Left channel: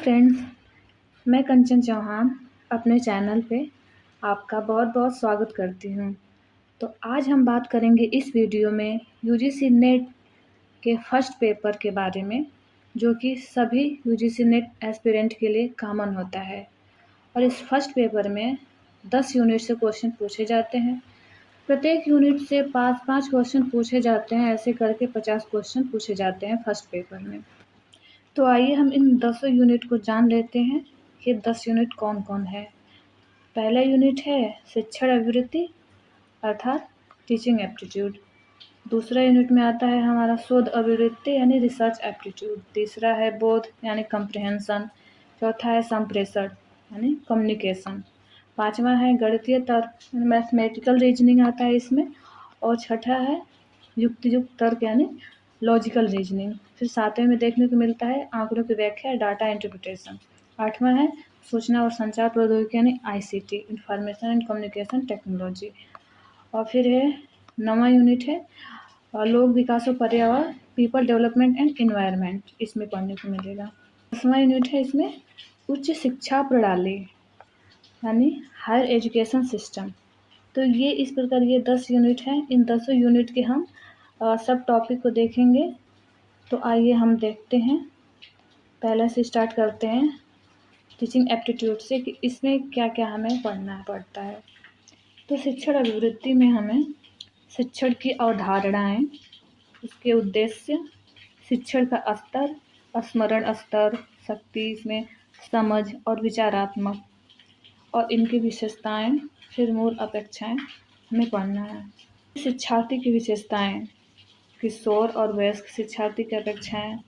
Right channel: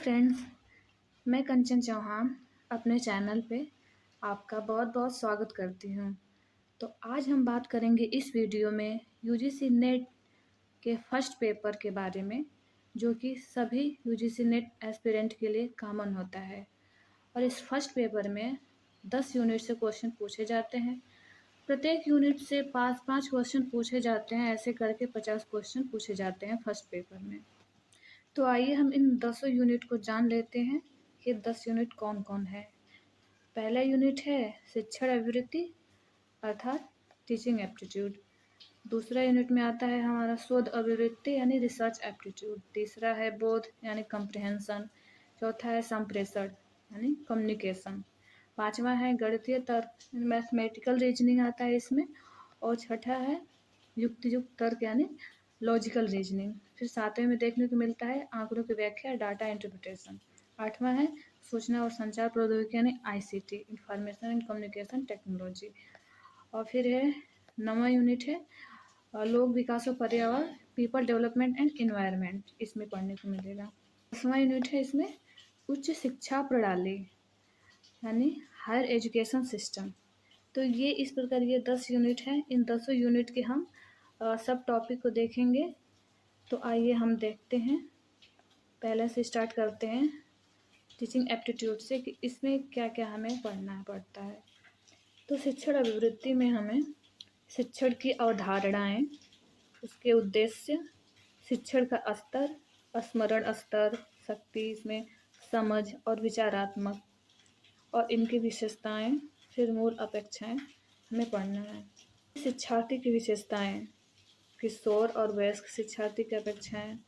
Friends, मैं कंचन चौहान अपने channel पे आपका बहुत-बहुत स्वागत करती हूँ। तो आज हम बात करेंगे इस वीडियो में यूजीसी नेट के फर्स्ट पेपर के बारे में, जो कि सभी यूजीसी नेट एस्पिरेंट के लिए कॉमन होता है। और इस फर्स्ट पेपर में 10 यूनिट से क्वेश्चन पूछे जाते हैं। प्रत्येक यूनिट से 5-5 क्वेश्चन पूछे जाते हैं, ऐसे करके 50 क्वेश्चन पूछे जाते हैं फर्स्ट पेपर में। तो आइए हम इन 10 यूनिट को जान लेते हैं कि 10 यूनिट कौन-कौन है। पहला यूनिट है शिक्षण अभिवृत्ति अर्थात टीचिंग एप्टीट्यूड। दूसरा यूनिट में आता है हमारा शोध अभिवृत्ति यानी रिसर्च एप्टीट्यूड। तीसरा है बोध यानी कम्प्रिहेंशन। चौथा है संप्रेषण यानी कम्युनिकेशन। पाँचवा है गणितीय तर्क मैथमेटिकल रीजनिंग आता है इसमें। और छठा है युक्तियुक्त तर्क यानी लॉजिकल रीजनिंग। फिर सातवें में देखने को मिलता है आंकड़ों की व्याख्या डाटा इंटरप्रिटेशन। आठवां है सूचना और संचार प्रौद्योगिकी यानी ICT information and communication technology. और फिर है 9वां यूनिट है लोक विकास और पर्यावरण पीपल डेवलपमेंट एंड इन्वायरमेंट, इसमें पढ़ने को मिलेगा। 10वां यूनिट है इसमें उच्च शिक्षा प्रणाली यानी हायर एजुकेशन सिस्टम। तो ये इस प्रकार ये 10 यूनिट हैं। इन 10 यूनिट के हम सब टॉपिक को देखेंगे। तो आइए हम देखते हैं। पहले से स्टार्ट करते हैं टीचिंग एप्टीट्यूड से कि इसमें क्या-क्या हमें पढ़ना पड़ता है। तो शिक्षण अभिवृत्ति में हमें शिक्षण की अवधारणाएं, उसके उद्देश्य, शिक्षण का स्तर, स्मरण स्तर, शक्ति, इसमें समझ और विचारात्मक और इनकी विशेषताएं, फिर मूल अपेक्षाएं हमें पढ़ना है। शिक्षार्थी की विशेषताएं, किशोर और वयस्क शिक्षार्थी की अपेक्षाएं,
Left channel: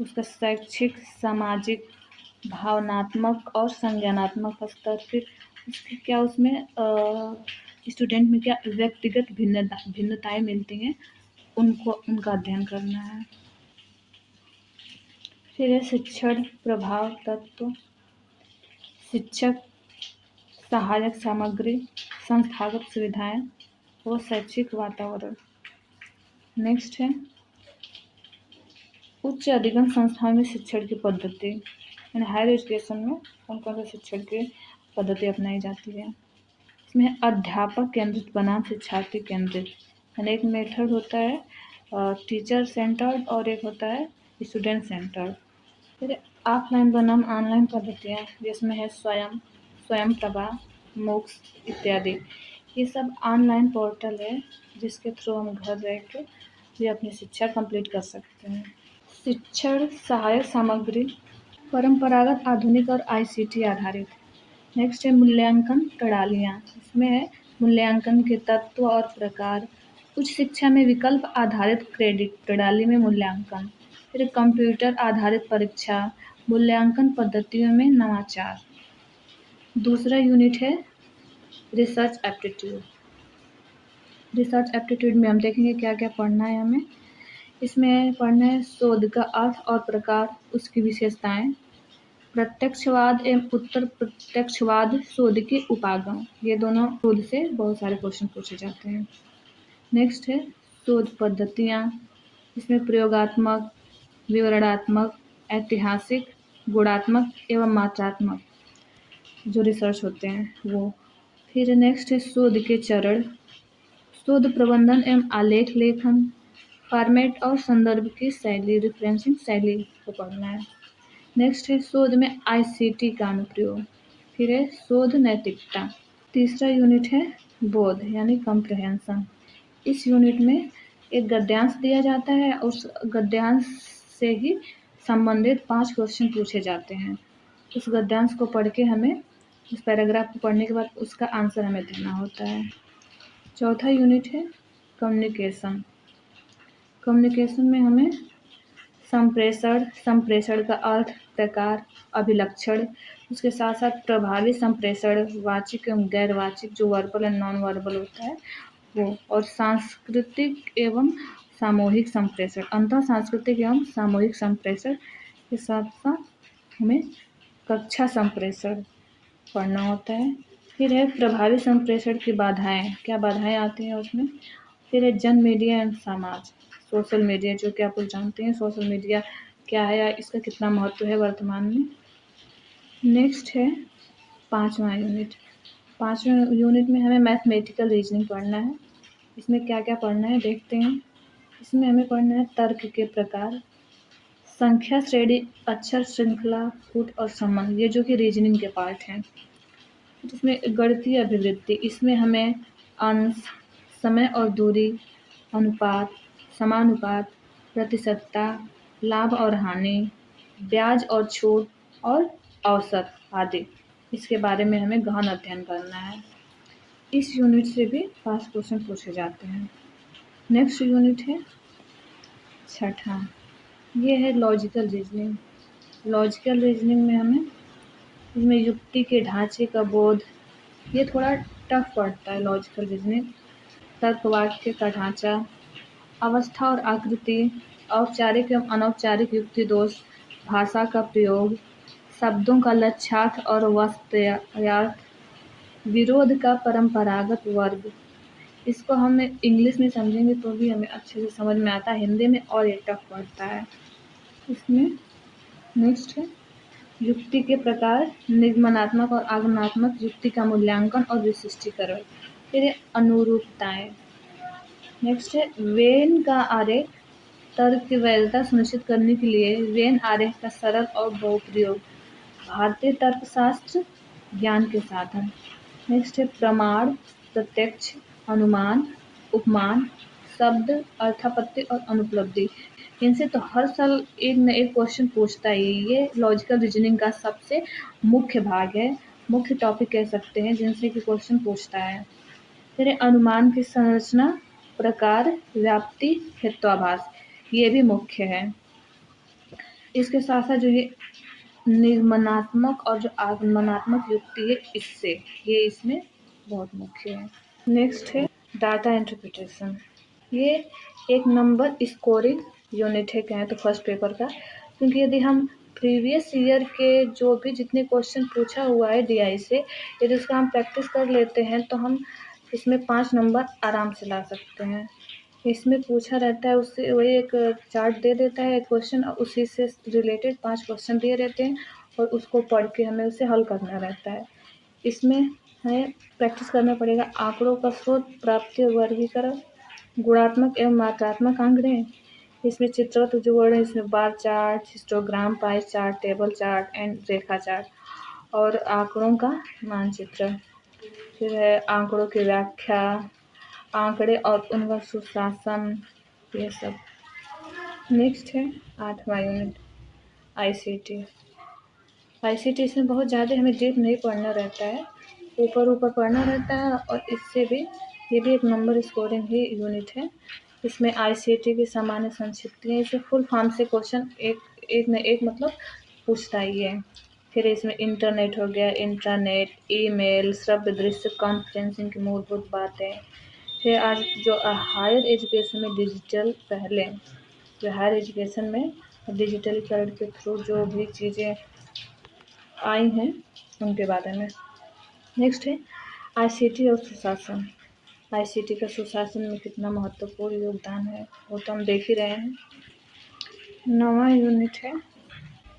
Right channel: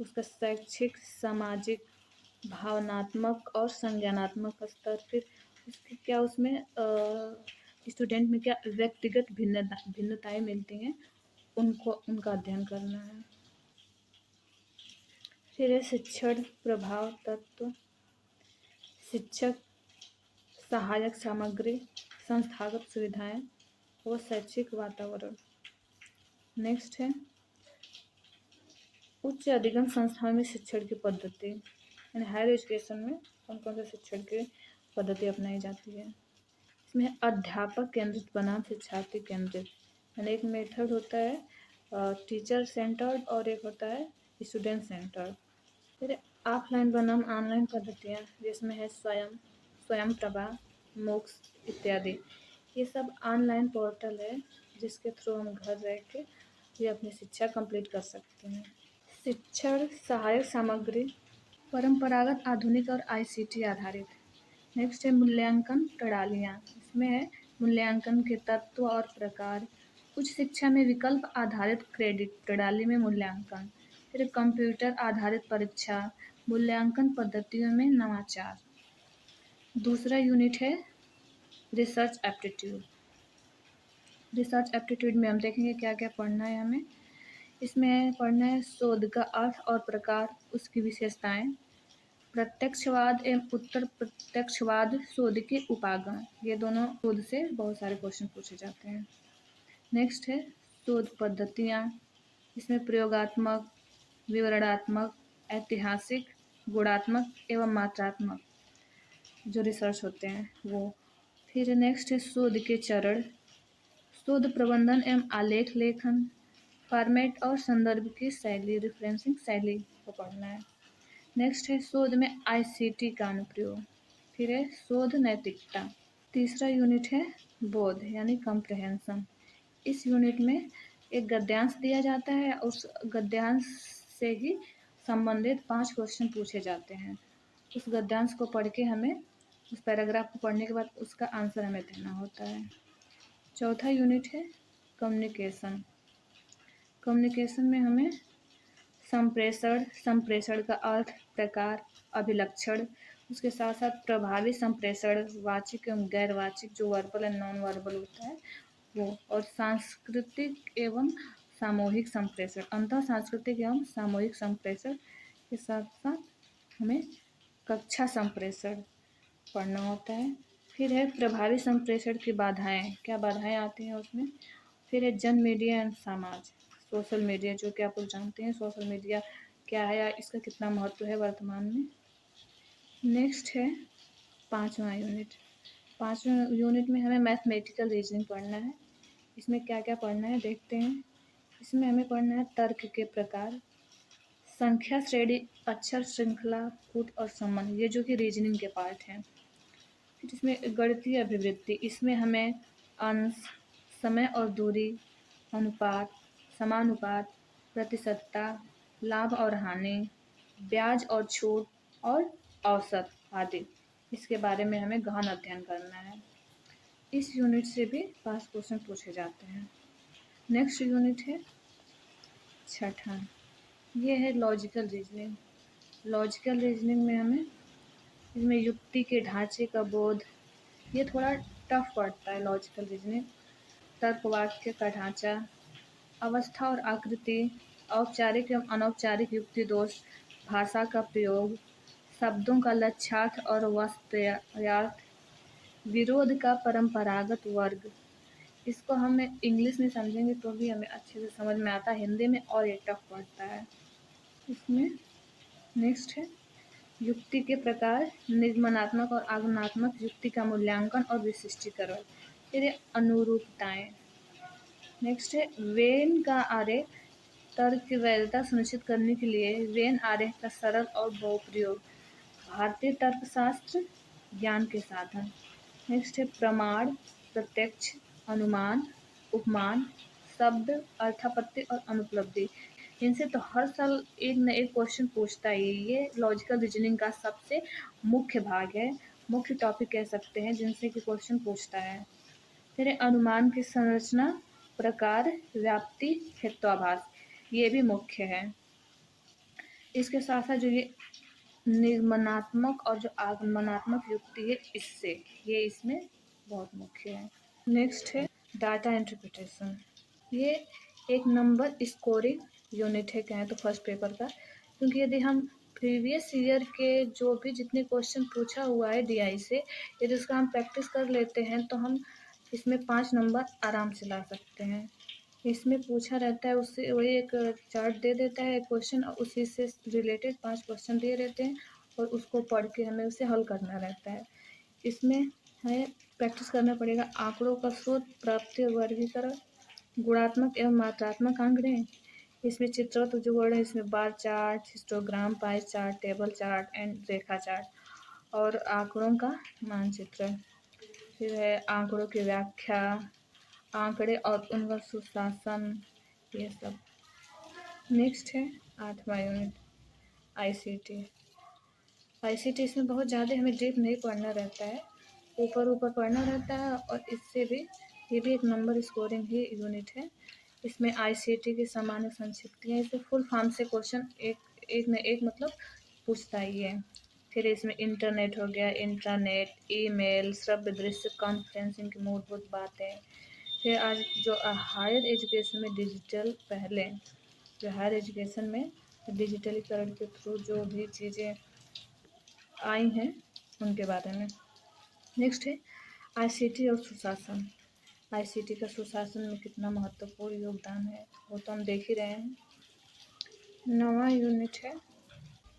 उसका शैक्षिक, सामाजिक, भावनात्मक और संज्ञानात्मक स्तर, फिर उसकी क्या उसमें स्टूडेंट में क्या व्यक्तिगत भिन्नताएं मिलती हैं, उनका अध्ययन करना है। फिर है शिक्षण प्रभाव तत्व, शिक्षक, सहायक सामग्री, संस्थागत सुविधाएं और शैक्षिक वातावरण। नेक्स्ट है उच्च अधिगम संस्थाओं में शिक्षण की पद्धति यानी हायर एजुकेशन में कौन कौन सी शिक्षण की पद्धति अपनाई जाती है। इसमें अध्यापक केंद्रित बनाम शिक्षार्थी केंद्रित यानी एक मेथड होता है टीचर सेंटर्ड और एक होता है स्टूडेंट सेंटर्ड। फिर ऑफलाइन बनाम ऑनलाइन पद्धतियाँ जिसमें है स्वयं प्रभा, मूक्स इत्यादि। ये सब ऑनलाइन पोर्टल है जिसके थ्रू हम घर रह के ये अपनी शिक्षा कंप्लीट कर सकते हैं। शिक्षण सहायक सामग्री परंपरागत, आधुनिक और आईसीटी आधारित। नेक्स्ट है मूल्यांकन प्रणालियाँ। इसमें है मूल्यांकन के तत्व और प्रकार, उच्च शिक्षा में विकल्प आधारित क्रेडिट प्रणाली में मूल्यांकन, फिर कंप्यूटर आधारित परीक्षा, मूल्यांकन पद्धतियों में नवाचार। दूसरा यूनिट है रिसर्च एप्टीट्यूड। रिसर्च एप्टीट्यूड में हम देखेंगे क्या क्या पढ़ना है हमें। इसमें पढ़ना है शोध का अर्थ और प्रकार, उसकी विशेषताएं, प्रत्यक्षवाद एवं उत्तर प्रत्यक्षवाद, शोध के उपागम। ये दोनों शोध से बहुत सारे क्वेश्चन पूछे जाते हैं। नेक्स्ट है शोध पद्धतियाँ। इसमें प्रयोगात्मक, विवरणात्मक, ऐतिहासिक, गुणात्मक एवं मात्रात्मक जो रिसर्च होते हैं वो। फिर नेक्स्ट है शोध के चरण, शोध प्रबंधन एवं आलेख लेखन, फॉर्मेट और संदर्भ की शैली, रेफरेंसिंग शैली को पढ़ना है। नेक्स्ट है शोध में आईसीटी का अनुप्रयोग। फिर है शोध नैतिकता। तीसरा यूनिट है बोध यानी कम्प्रिहेंशन। इस यूनिट में एक गद्यांश दिया जाता है, उस गद्यांश से ही संबंधित 5 क्वेश्चन पूछे जाते हैं। उस गद्यांश को पढ़ के हमें उस पैराग्राफ को पढ़ने के बाद उसका आंसर हमें देना होता है। चौथा यूनिट है कम्युनिकेशन। कम्युनिकेशन में हमें संप्रेषण का अर्थ, प्रकार, अभिलक्षण, उसके साथ साथ प्रभावी संप्रेषण, वाचिक एवं गैर वाचिक जो वर्बल एंड नॉन वर्बल होता है वो, और सांस्कृतिक एवं सामूहिक संप्रेषण, अंतः सांस्कृतिक एवं सामूहिक संप्रेषण के साथ साथ हमें कक्षा संप्रेषण पढ़ना होता है। फिर है प्रभावी संप्रेषण की बाधाएं, क्या बाधाएं आती हैं उसमें। फिर है जन मीडिया एवं समाज, सोशल मीडिया, जो कि आप लोग जानते हैं सोशल मीडिया क्या है या इसका कितना महत्व है वर्तमान में। नेक्स्ट है 5वां यूनिट। 5वें यूनिट में हमें मैथमेटिकल रीजनिंग पढ़ना है। इसमें क्या क्या पढ़ना है देखते हैं। इसमें हमें पढ़ना है तर्क के प्रकार, संख्या श्रेणी, अक्षर श्रृंखला, फुट और संबंध, ये जो कि रीजनिंग के पार्ट हैं। फिर इसमें गणितीय अभिवृत्ति, इसमें हमें अंश, समय और दूरी, अनुपात, समानुपात, प्रतिशतता, लाभ और हानि, ब्याज और छूट और औसत आदि, इसके बारे में हमें गहन अध्ययन करना है। इस यूनिट से भी पास क्वेश्चन पूछे जाते हैं। नेक्स्ट यूनिट है 6वां, ये है लॉजिकल रीजनिंग। लॉजिकल रीजनिंग में हमें इसमें युक्ति के ढांचे का बोध, ये थोड़ा टफ पड़ता है लॉजिकल रीजनिंग। तर्क वाक्य का ढांचा, अवस्था और आकृति, औपचारिक एवं अनौपचारिक युक्ति दोष, भाषा का प्रयोग, शब्दों का लक्ष्यार्थ और वास्तव्यार्थ, विरोध का परंपरागत वर्ग। इसको हम इंग्लिश में समझेंगे तो भी हमें अच्छे से समझ में आता है, हिंदी में और ये टफ पड़ता है। इसमें नेक्स्ट है युक्ति के प्रकार, निगमनात्मक और आगमनात्मक युक्ति का मूल्यांकन और विशिष्टीकरण। फिर अनुरूपताएं। नेक्स्ट है वेन का आरेख, तर्क की वैधता सुनिश्चित करने के लिए वेन आरेख का सरल और बहुप्रयोग, भारतीय तर्कशास्त्र ज्ञान के साधन। नेक्स्ट है प्रमाण, प्रत्यक्ष, अनुमान, उपमान, शब्द, अर्थापत्ति और अनुपलब्धि। इनसे तो हर साल एक न एक क्वेश्चन पूछता ही। ये लॉजिकल रीजनिंग का सबसे मुख्य भाग है, मुख्य टॉपिक कह सकते हैं जिनसे कि क्वेश्चन पूछता है। फिर अनुमान की संरचना, प्रकार, व्याप्ति, हेत्वाभास, ये भी मुख्य है। इसके साथ साथ जो ये निगमनात्मक और जो आगमनात्मक युक्ति है, इससे ये इसमें बहुत मुख्य है। नेक्स्ट है डाटा इंटरप्रिटेशन। ये एक नंबर स्कोरिंग यूनिट है कहें तो फर्स्ट पेपर का, क्योंकि यदि हम प्रीवियस ईयर के जो भी जितने क्वेश्चन पूछा हुआ है डीआई से, यदि उसका हम प्रैक्टिस कर लेते हैं तो हम इसमें 5 नंबर आराम से ला सकते हैं। इसमें पूछा रहता है, उससे वही एक चार्ट दे देता है क्वेश्चन, और उसी से रिलेटेड 5 क्वेश्चन दिए रहते हैं और उसको पढ़ के हमें उसे हल करना रहता है। इसमें हमें प्रैक्टिस करना पड़ेगा आंकड़ों का स्रोत, प्राप्ति और वर्गीकरण, गुणात्मक एवं मात्रात्मक आंकड़े। इसमें चित्रगत जो वर्ड है, इसमें bar chart, histogram, pie chart, table chart and Rekha chart, और आंकड़ों का मानचित्र। फिर है आंकड़ों की व्याख्या, आंकड़े और उनका सुशासन, ये सब। नेक्स्ट है 8वां यूनिट आईसीटी। आईसीटी इसमें बहुत ज़्यादा हमें डीप नहीं पढ़ना रहता है, ऊपर ऊपर पढ़ना रहता है, और इससे भी ये भी एक नंबर स्कोरिंग ही यूनिट है। इसमें आईसीटी की सामान्य संक्षिप्तियाँ, इसे फुल फॉर्म से क्वेश्चन एक न एक मतलब पूछता ही है। फिर इसमें इंटरनेट हो गया, इंटरनेट, ईमेल, श्रव्य दृश्य कॉन्फ्रेंसिंग की मूलभूत बातें। फिर आज जो हायर एजुकेशन में डिजिटल, पहले जो हायर एजुकेशन में डिजिटलीकरण के थ्रू जो भी चीज़ें आई हैं उनके बारे में। नेक्स्ट है आईसीटी और सुशासन। आईसीटी का सुशासन में कितना महत्वपूर्ण योगदान है वो तो हम देख ही रहे हैं। 9वां यूनिट है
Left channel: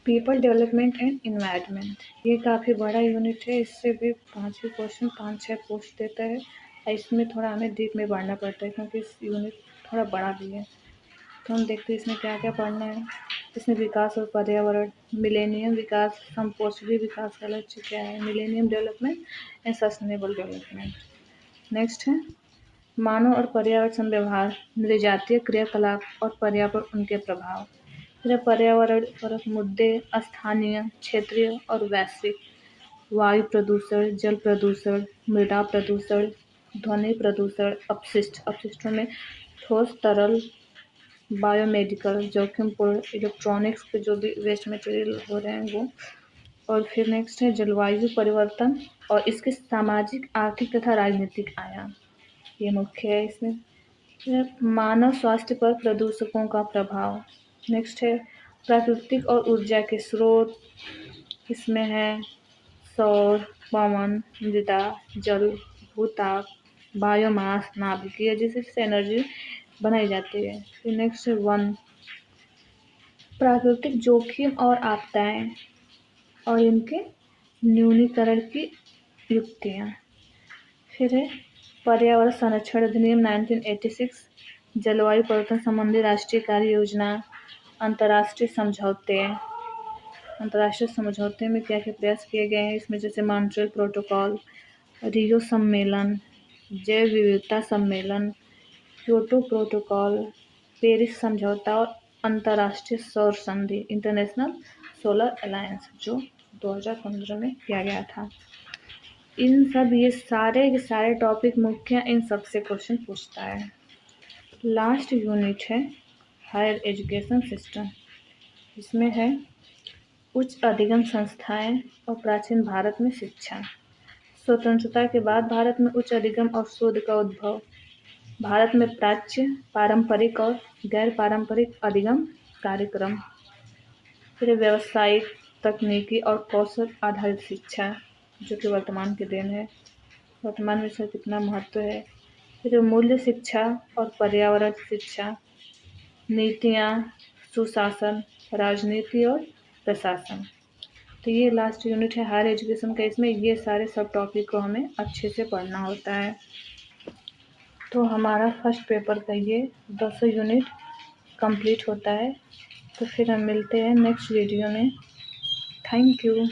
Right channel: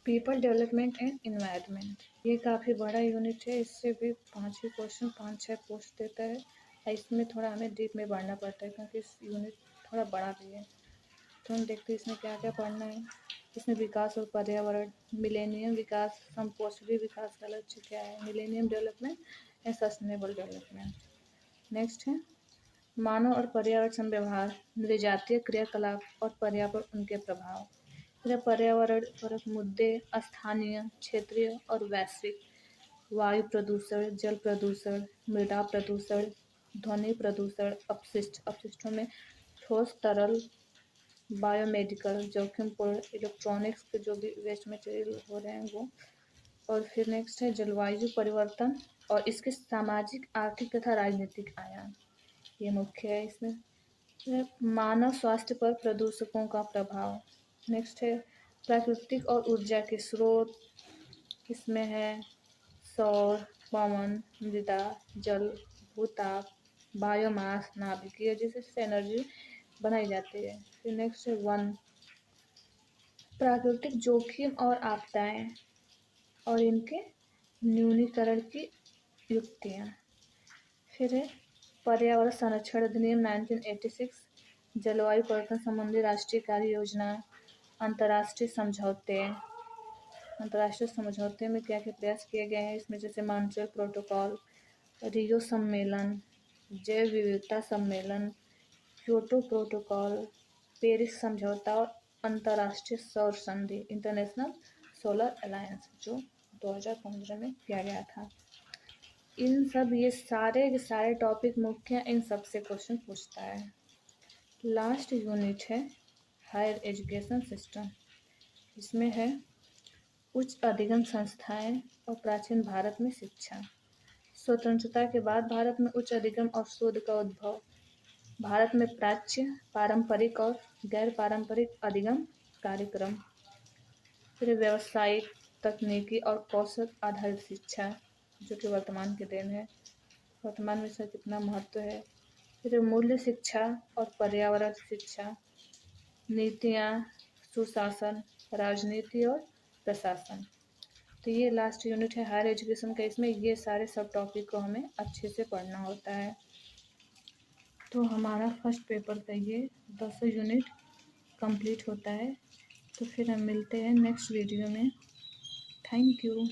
पीपल डेवलपमेंट एंड इन्वायरमेंट। ये काफ़ी बड़ा यूनिट है, इससे भी 5 क्वेश्चन 5-6 पूछ देता है, और इसमें थोड़ा हमें डीप में पढ़ना पड़ता है क्योंकि इस यूनिट थोड़ा बड़ा भी है। तो हम देखते हैं इसमें क्या क्या पढ़ना है। इसमें विकास और पर्यावरण, मिलेनियम विकास, संपोषणीय विकास का लक्ष्य क्या है, millennium development and sustainable development. Next है मानव और पर्यावरण संव्यवहार, नृजातीय क्रियाकलाप और पर्यावरण उनके प्रभाव। फिर पर्यावरण परक मुद्दे, स्थानीय, क्षेत्रीय और वैश्विक, वायु प्रदूषण, जल प्रदूषण, मृदा प्रदूषण, ध्वनि प्रदूषण, अपशिष्ट, अपशिष्टों में ठोस, तरल, बायोमेडिकल, जोखिमपूर्ण इलेक्ट्रॉनिक्स के जो भी वेस्ट मटेरियल हो रहे हैं वो। और फिर नेक्स्ट है जलवायु परिवर्तन और इसके सामाजिक, आर्थिक तथा राजनीतिक आयाम, ये मुख्य है इसमें। फिर मानव स्वास्थ्य पर प्रदूषकों का प्रभाव। नेक्स्ट है प्राकृतिक और ऊर्जा के स्रोत, इसमें है सौर, पवन, मृदा, जल, भूताप, बायोमास, नाभिकीय, जिससे एनर्जी बनाई जाती है। फिर नेक्स्ट है वन, प्राकृतिक जोखिम और आपदाएं और इनके न्यूनीकरण की युक्तियाँ। फिर है पर्यावरण संरक्षण अधिनियम 1986, जलवायु परिवर्तन संबंधी राष्ट्रीय कार्य योजना, अंतर्राष्ट्रीय समझौते में क्या क्या प्रयास किए गए हैं, इसमें जैसे मॉन्ट्रियल प्रोटोकॉल, रियो सम्मेलन, जैव विविधता सम्मेलन, क्योटो प्रोटोकॉल, पेरिस समझौता और अंतर्राष्ट्रीय सौर संधि इंटरनेशनल सोलर अलायंस जो 2015 में किया गया था। इन सब ये सारे के सारे टॉपिक मुख्य इन सब से क्वेश्चन पूछता है। लास्ट यूनिट है हायर एजुकेशन सिस्टम। इसमें है उच्च अधिगम संस्थाएं और प्राचीन भारत में शिक्षा। स्वतंत्रता के बाद भारत में उच्च अधिगम और शोध का उद्भव। भारत में प्राच्य, पारंपरिक और गैर पारंपरिक अधिगम कार्यक्रम। फिर व्यावसायिक, तकनीकी और कौशल आधारित शिक्षा जो कि वर्तमान के दिन है, वर्तमान में इसका कितना महत्व है। फिर मूल्य शिक्षा और पर्यावरण शिक्षा, नीतियाँ, सुशासन, राजनीति और प्रशासन। तो ये लास्ट यूनिट है हायर एजुकेशन का। इसमें ये सारे सब टॉपिक को हमें अच्छे से पढ़ना होता है। तो हमारा फर्स्ट पेपर का ये 200 यूनिट कंप्लीट होता है। तो फिर हम मिलते हैं नेक्स्ट वीडियो में। Thank you.